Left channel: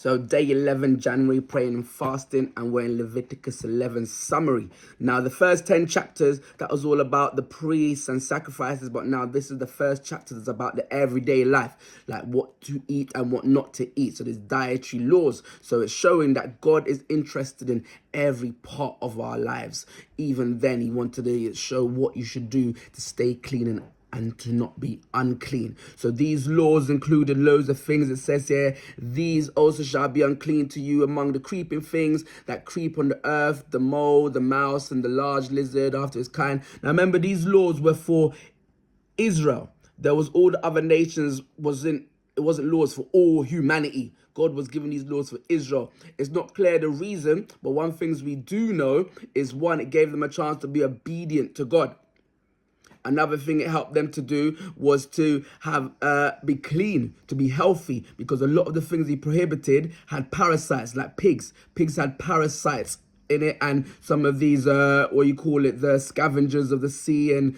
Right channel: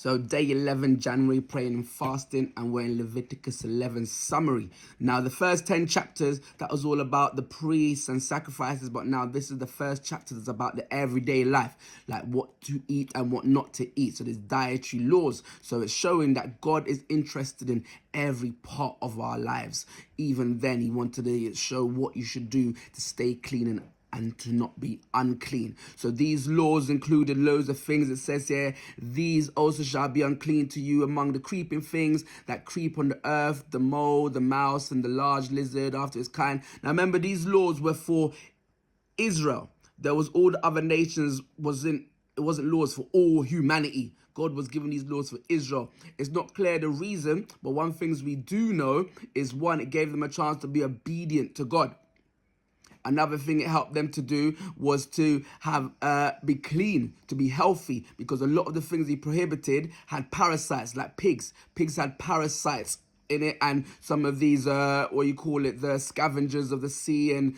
So day 11, January, praying and fasting, and we're in Leviticus 11 summary. Now, the first 10 chapters, that was all about the priests and sacrifices, but now this is the first chapter that's about the everyday life, like what to eat and what not to eat. So there's dietary laws. So it's showing that God is interested in every part of our lives. Even then, he wanted to show what you should do to stay clean and to not be unclean. So these laws included loads of things. It says here, these also shall be unclean to you among the creeping things that creep on the earth, the mole, the mouse, and the large lizard after its kind. Now remember, these laws were for Israel. There was all the other nations, it wasn't laws for all humanity. God was giving these laws for Israel. It's not clear the reason, but one thing we do know is, one, it gave them a chance to be obedient to God. Another thing it helped them to do was to have be clean, to be healthy, because a lot of the things he prohibited had parasites, like pigs. Pigs had parasites in it, and some of these the scavengers of the sea and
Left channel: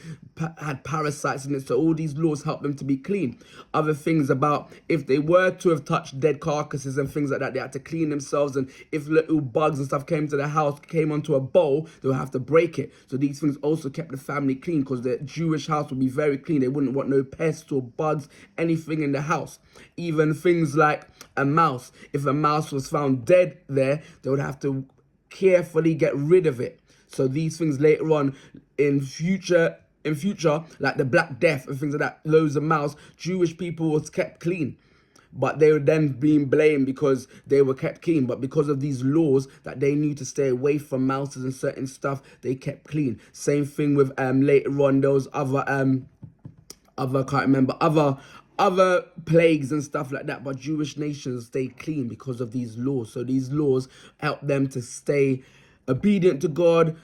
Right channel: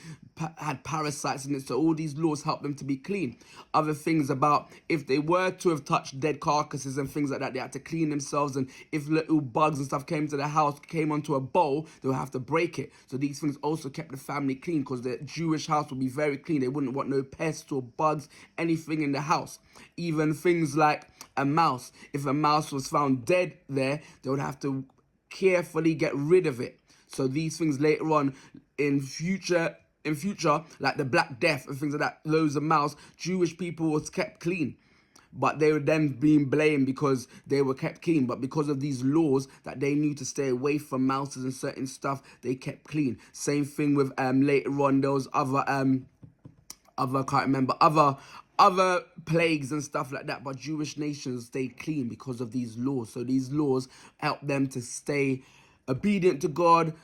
had parasites in it. So all these laws help them to be clean. Other things about, if they were to have touched dead carcasses and things like that, they had to clean themselves, and if little bugs and stuff came to the house, came onto a bowl, they would have to break it. So these things also kept the family clean, because the Jewish house would be very clean. They wouldn't want no pests or bugs, anything in the house. Even things like a mouse. If a mouse was found dead there, they would have to carefully get rid of it. So these things later on in future, like the Black Death and things like that, loads of mouse, Jewish people was kept clean. But they were then being blamed because they were kept clean. But because of these laws that they knew to stay away from mouses and certain stuff, they kept clean. Same thing with later on, there was other plagues and stuff like that, but Jewish nations stayed clean because of these laws. So these laws help them to stay obedient to God,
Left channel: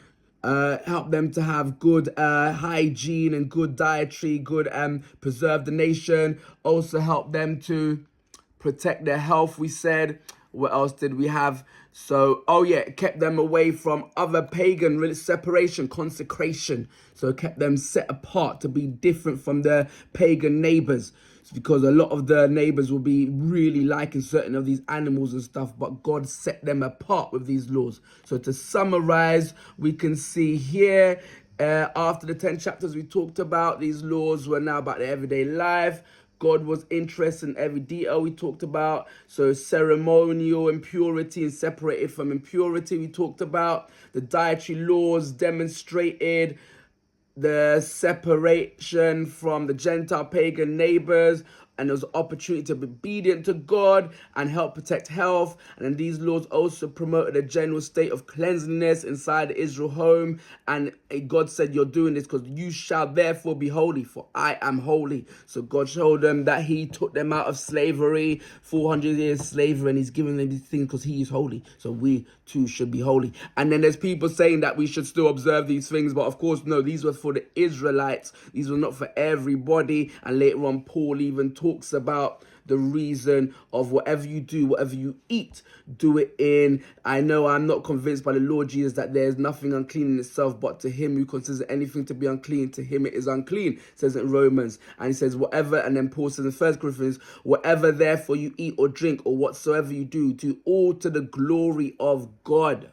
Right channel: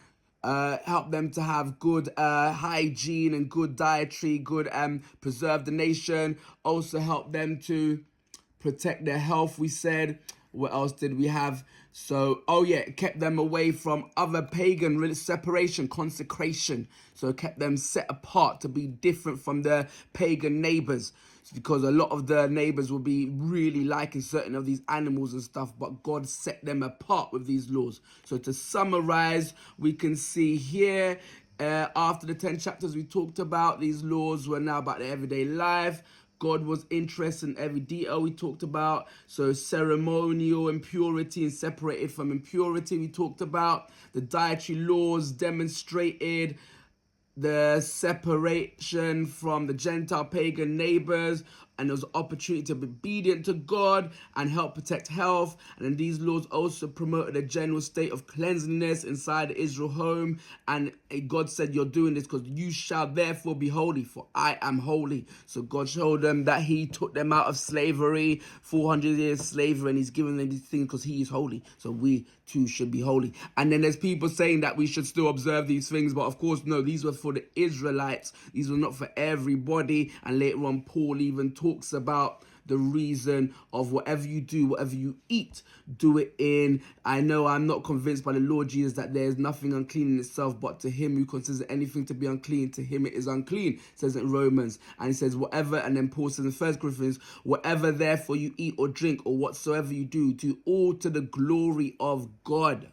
help them to have good hygiene and good dietary, good preserve the nation, also help them to protect their health, we said. What else did we have? So, it kept them away from other pagan separation, consecration. So it kept them set apart to be different from their pagan neighbors. It's because a lot of the neighbors will be really liking certain of these animals and stuff, but God set them apart with these laws. So to summarize, we can see here, after the 10 chapters we talked about, these laws were now about the everyday life. God was interested in every detail we talked about. So ceremonial impurity and separated from impurity we talked about. The dietary laws demonstrated the separation from the Gentile pagan neighbors, and there was an opportunity to be obedient to God and help protect health. And then these laws also promoted a general state of cleanliness inside the Israel home. And God said, you're doing this because you shall therefore be holy, for I am holy. So God showed them that he took them out of slavery, 400 years slavery, and he's given them these things because he is holy. So we too should be holy. And then there's people saying that we should still observe these things, but of course, no, these were for the Israelites. These were not for everybody. And later on, Paul even talks about the reason of whatever you do, whatever you eat, do it in. I know I'm not convinced by the Lord Jesus that there's nothing unclean in itself, but to him who considers anything to be unclean, to him it is unclean, it says in Romans. And he says whatever, and then Paul says in 1 Corinthians, whatever therefore you eat or drink or whatsoever you do all to the glory of God.